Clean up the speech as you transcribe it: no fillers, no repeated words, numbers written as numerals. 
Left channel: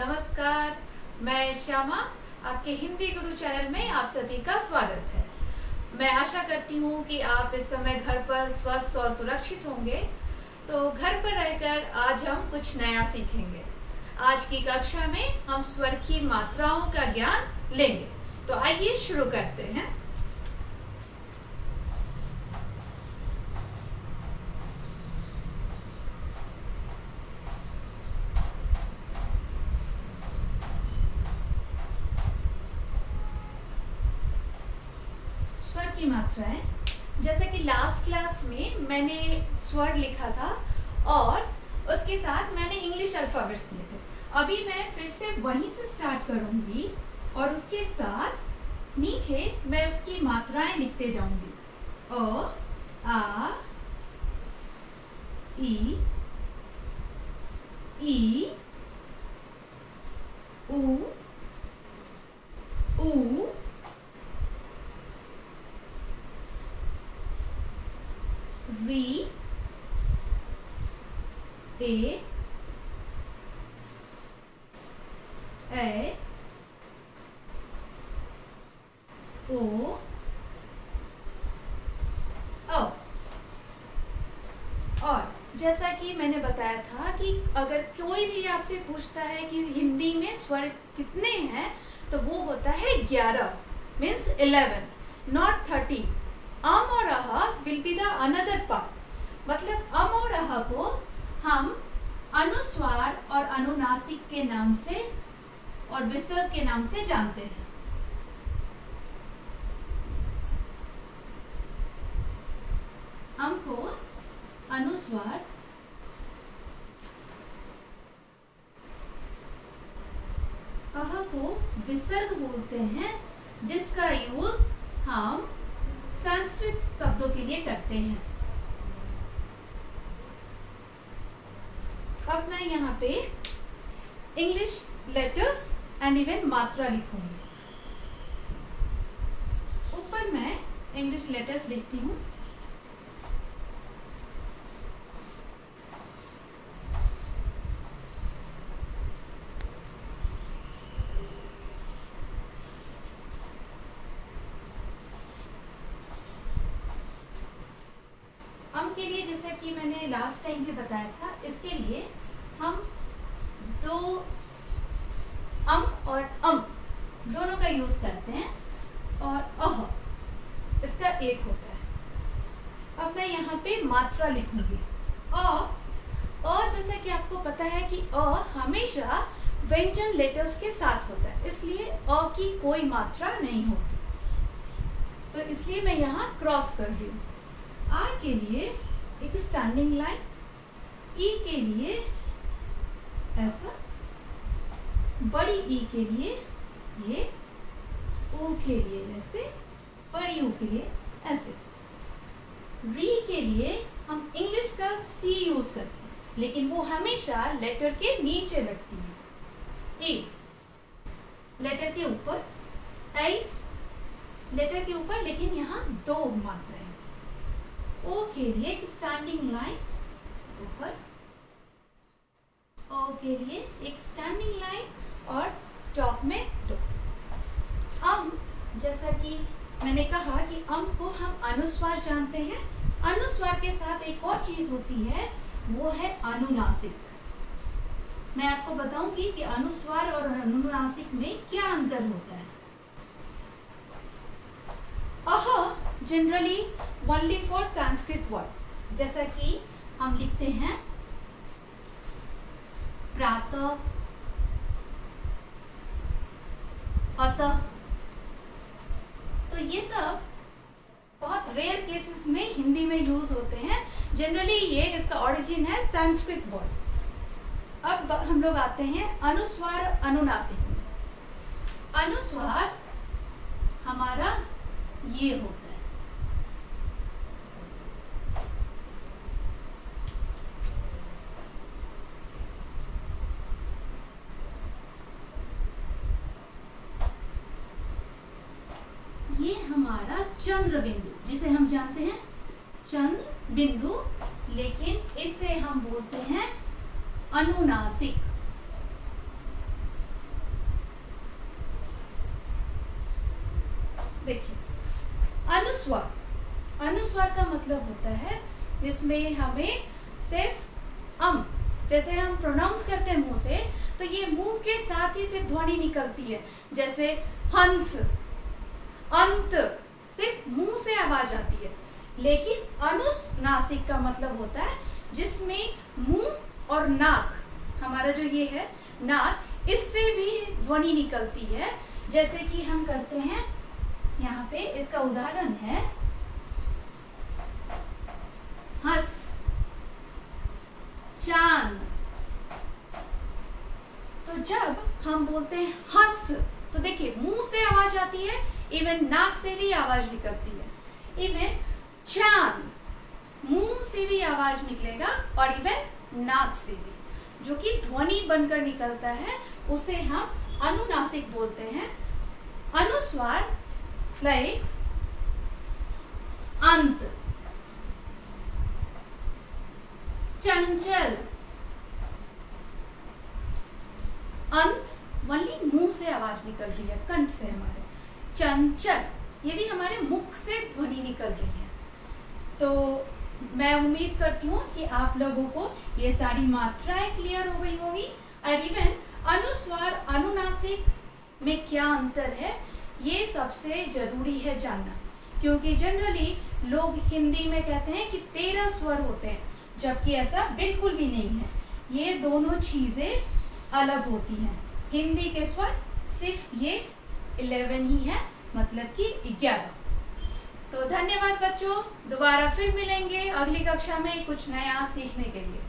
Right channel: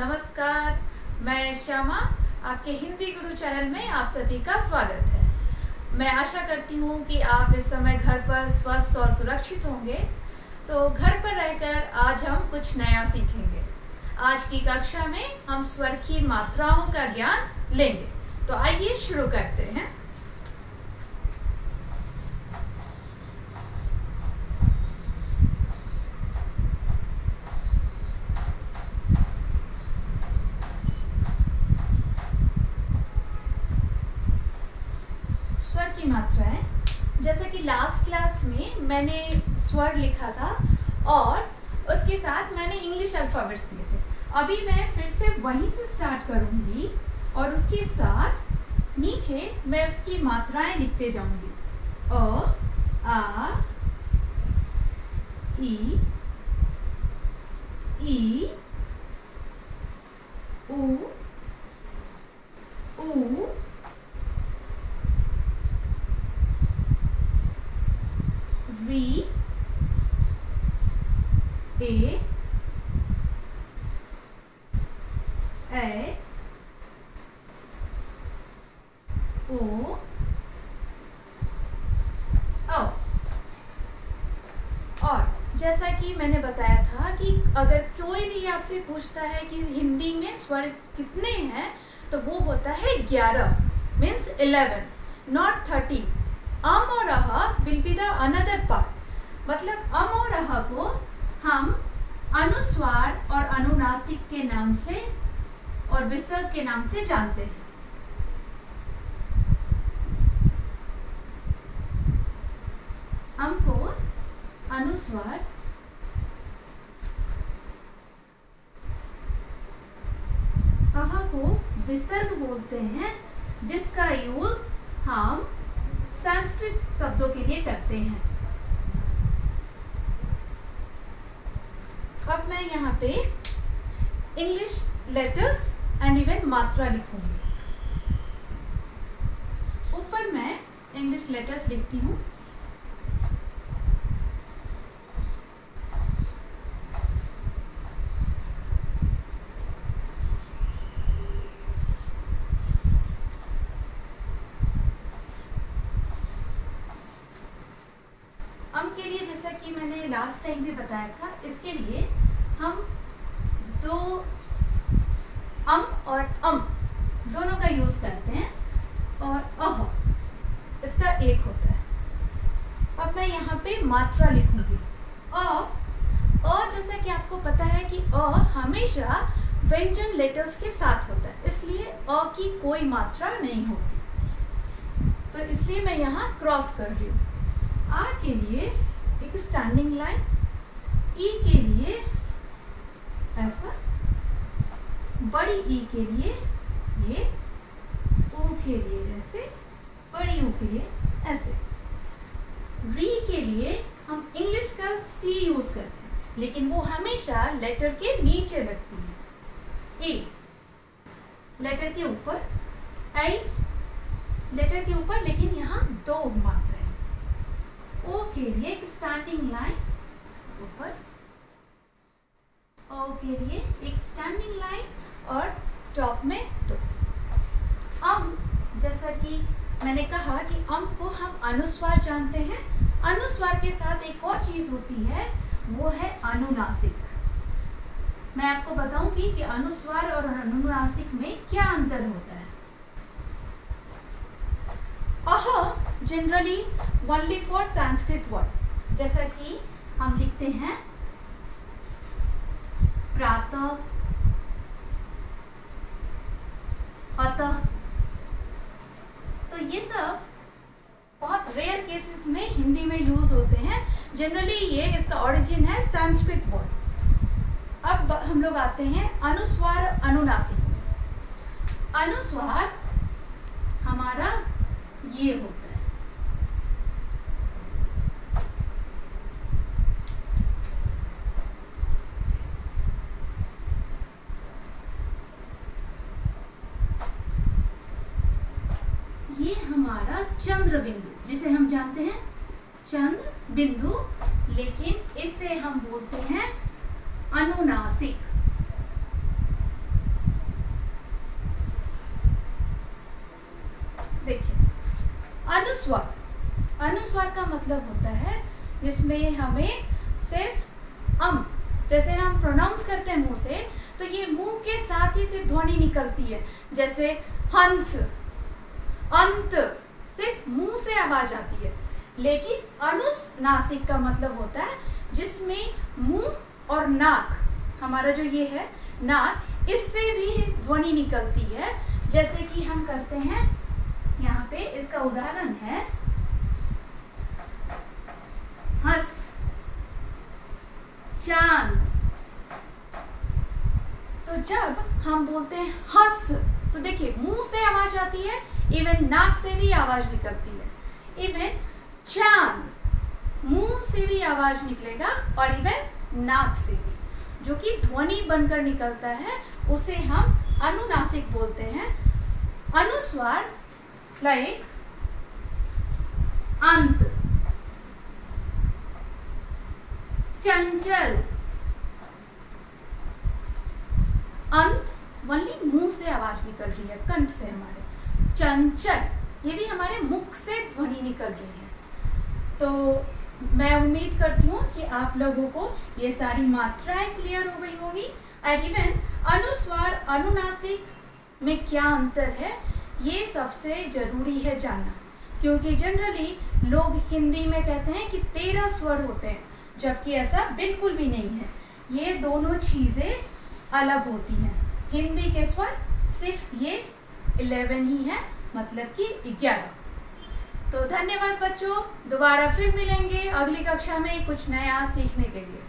नमस्कार। मैं श्यामा, आपके हिंदी गुरु चैनल में आप सभी का स्वागत है। मैं आशा करती हूँ कि आप इस समय घर पर स्वस्थ और सुरक्षित होंगे। तो घर पर रहकर आज हम कुछ नया सीखेंगे। आज की कक्षा में हम स्वर की मात्राओं का ज्ञान लेंगे। तो आइए शुरू करते हैं। स्वर की मात्राएं, जैसे कि लास्ट क्लास में मैंने स्वर लिखा था और उसके साथ मैंने इंग्लिश अल्फाबेट्स लिए थे। अभी मैं फिर से वहीं से स्टार्ट करूंगी और उसके साथ नीचे मैं उसकी मात्राएं लिखते जाऊंगी। अ, आ, ई, उ, ऊ, री, ए, ओ, औ। और जैसा कि मैंने बताया था कि अगर कोई भी आपसे पूछता है कि हिंदी में स्वर कितने हैं, तो वो होता है 11, मीन्स 11, नॉट 30। अम और uh will be the another part. मतलब अम और अह को हम अनुस्वार और अनुनासिक के नाम से और विसर्ग के नाम से जानते हैं। अम को अनुस्वार, अह को विसर्ग बोलते हैं, जिसका यूज हम संस्कृत शब्दों के लिए करते हैं। अब मैं यहाँ पे इंग्लिश लेटर्स एंड इवन मात्रा लिखूंगी। ऊपर मैं इंग्लिश लेटर्स लिखती हूँ। अम के लिए, जैसा कि मैंने लास्ट टाइम भी बताया था, इसके लिए हम दो अम और अम दोनों का यूज करते हैं और अह इसका एक होता है। अब मैं यहाँ पे मात्रा लिखूंगी। जैसा कि आपको पता है कि अ हमेशा व्यंजन लेटर्स के साथ होता है, इसलिए अ की कोई मात्रा नहीं होती। तो इसलिए मैं यहाँ क्रॉस कर रही हूँ। आर के लिए एक स्टैंडिंग लाइन, ई के लिए ऐसा, बड़ी ई के लिए ये, ऊ के लिए ऐसे, बड़ी ऊ के लिए ऐसे। री के लिए हम इंग्लिश का सी यूज करते हैं, लेकिन वो हमेशा लेटर के नीचे लगती है। ए लेटर के ऊपर, आई लेटर के ऊपर, लेकिन यहाँ दो मात्रा। ओ के लिए एक स्टैंडिंग लाइन ऊपर, ओ के लिए एक स्टैंडिंग लाइन और टॉप में दो। अम, जैसा कि मैंने कहा कि अम को हम अनुस्वार जानते हैं। अनुस्वार के साथ एक और चीज होती है, वो है अनुनासिक। मैं आपको बताऊंगी कि अनुस्वार और अनुनासिक में क्या अंतर होता है। Uh generally only for Sanskrit word, जैसा कि हम लिखते हैं प्रातः, अतः। तो ये सब बहुत रेयर केसेस में हिंदी में यूज होते हैं। जनरली ये इसका ओरिजिन है संस्कृत वर्ड। अब हम लोग आते हैं अनुस्वार अनुनासिक। अनुस्वार हमारा ये होता है, ये हमारा चंद्र बिंदु, जिसे हम जानते हैं चंद्र बिंदु, लेकिन इसे हम बोलते हैं अनुनासिक। मतलब होता है जिसमें हमें सिर्फ जैसे हम प्रोनाउंस करते हैं मुंह से, तो ये मुंह के साथ ही सिर्फ ध्वनि निकलती है, जैसे हंस, अंत, सिर्फ मुंह से आवाज आती है। लेकिन अनुनासिक का मतलब होता है जिसमें मुंह और नाक, हमारा जो ये है नाक, इससे भी ध्वनि निकलती है। जैसे कि हम करते हैं, यहाँ पे इसका उदाहरण है हंस, चांद। तो जब हम बोलते हैं हंस, तो देखिए मुंह से आवाज आती है, इवन नाक से भी आवाज निकलती है। इवन चांद, मुंह से भी आवाज निकलेगा और इवन नाक से भी, जो कि ध्वनि बनकर निकलता है, उसे हम अनुनासिक बोलते हैं। अनुस्वार लाइक अंत, चंचल, अंत वनली मुंह से आवाज निकल रही है, कंठ से हमारे। चंचल, ये भी हमारे मुख से ध्वनि निकल रही है। तो मैं उम्मीद करती हूँ कि आप लोगों को ये सारी मात्राएं क्लियर हो गई होगी। एंड इवन अनुस्वार अनुनासिक में क्या अंतर है, ये सबसे जरूरी है जानना, क्योंकि जनरली लोग हिंदी में कहते हैं कि 13 स्वर होते हैं, जबकि ऐसा बिल्कुल भी नहीं है। ये दोनों चीजें अलग होती हैं। हिंदी के स्वर सिर्फ ये 11 ही है, मतलब कि 11। तो धन्यवाद बच्चों, दोबारा फिर मिलेंगे अगली कक्षा में कुछ नया सीखने के लिए।